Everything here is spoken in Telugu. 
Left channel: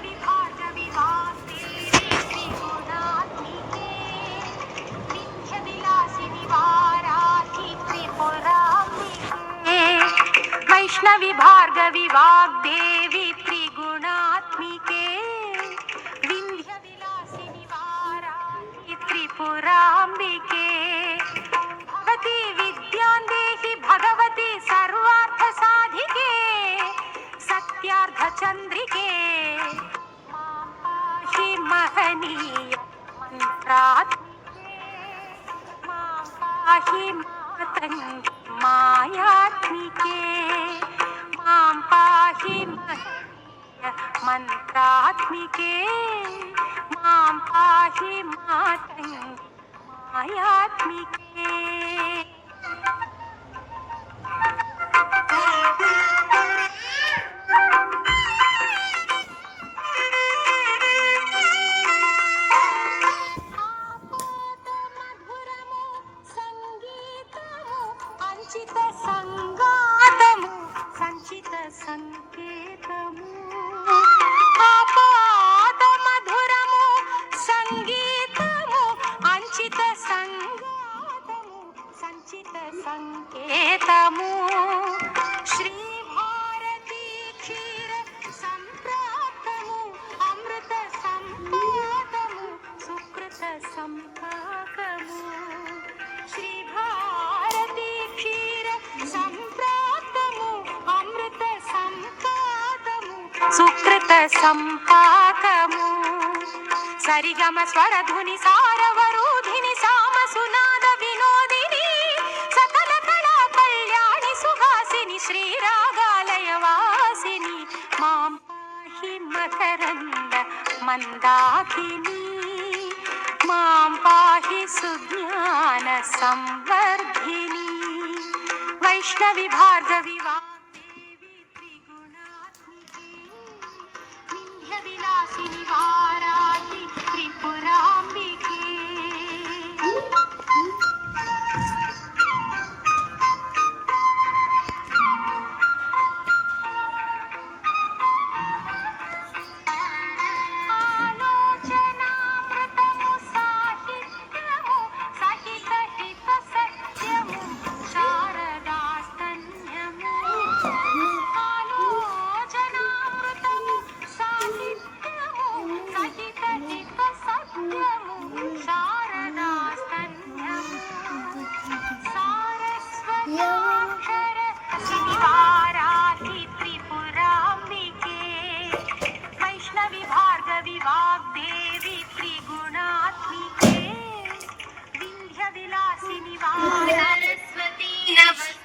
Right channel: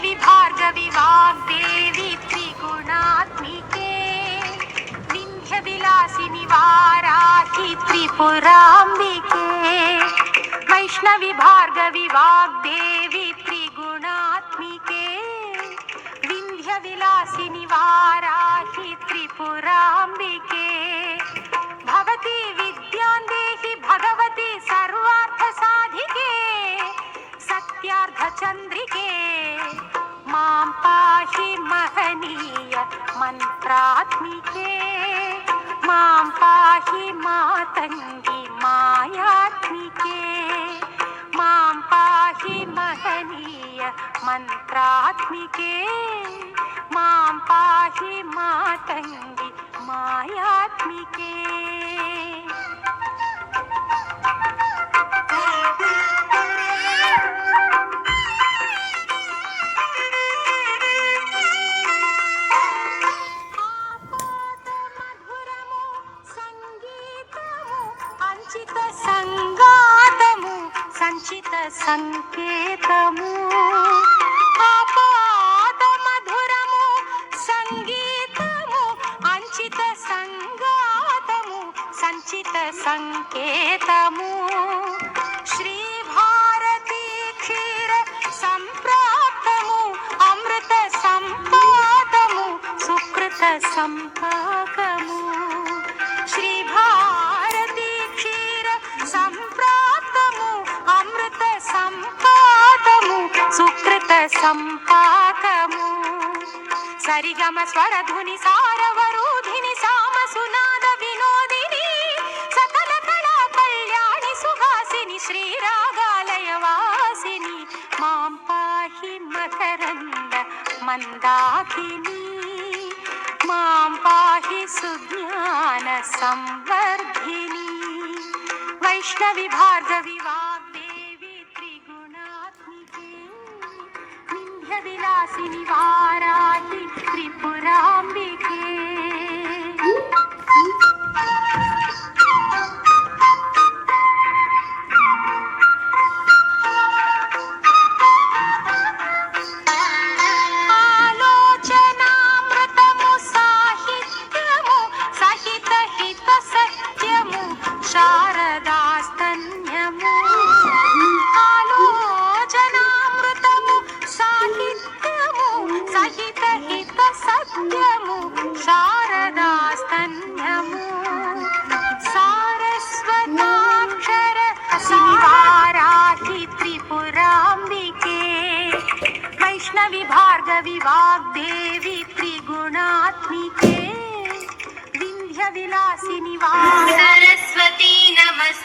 वैष्णवी भार्गवी वाग्देवी त्रिगुणात्मिके विन्ध्यविलासिनि वाराहि त्रिपुराम्बिके वैष्णवी भार्गवी वाग्देवी त्रिगुणात्मिके विन्ध्यविलासिनि वाराहि त्रिपुराम्बिके भवती विद्यान्देहि भगवती सर्वार्थसाधिके सत्यार्थचन्द्रिके मां पाहि महनीय मन्त्रात्मिके मां पाहि मातङ्गी मायात्मिके मां पाहि महनीय मन्त्रात्मिके मां पाहि मातङ्गी मायात्मिके। సంచిత సంగాతము సంచిత సంకేతము ఆపాద మధురము సంగీతము అంచిత సంగాతము సంచిత సంకేతము శ్రీ భారతీ క్షీర సంప్రాప్తము అమృత సంపాదము సుకృత సంపాకము శ్రీ భారతీ క్షీర సంప్రాప్తము అమృత సంపాదము సుకృత సంపాకము సరిగమ స్వరధుని సారవరూధిని సామ సునాద వినోదిని సకల కళా కళ్యాణి సుహాసిని శ్రీరాగాలయ వాసిని మాం పాహి మకరంద మందాకిని మాం పాహి సుజ్ఞాన సంవర్ధిని వైష్ణవి భార్గవి వాగ్దేవి త్రిగుణాత్మికే వింధ్య విలాసిని వారాహి త్రిపురాంబికే। ఆలోచనామృతము సాహిత్యము సహిత హిత సత్యము శారదాస్తన్యము ఆలోచనామృతము సాహిత్యము సహిత హిత సత్యము శారదాస్తన్యము సారస్వతాక్షర వారాహి త్రిపురాంబికే వైష్ణవి భార్గవి వాగ్దేవి త్రిగుణాత్మికే వింధ్య విలాసిని సరస్వతీ నమస్తే।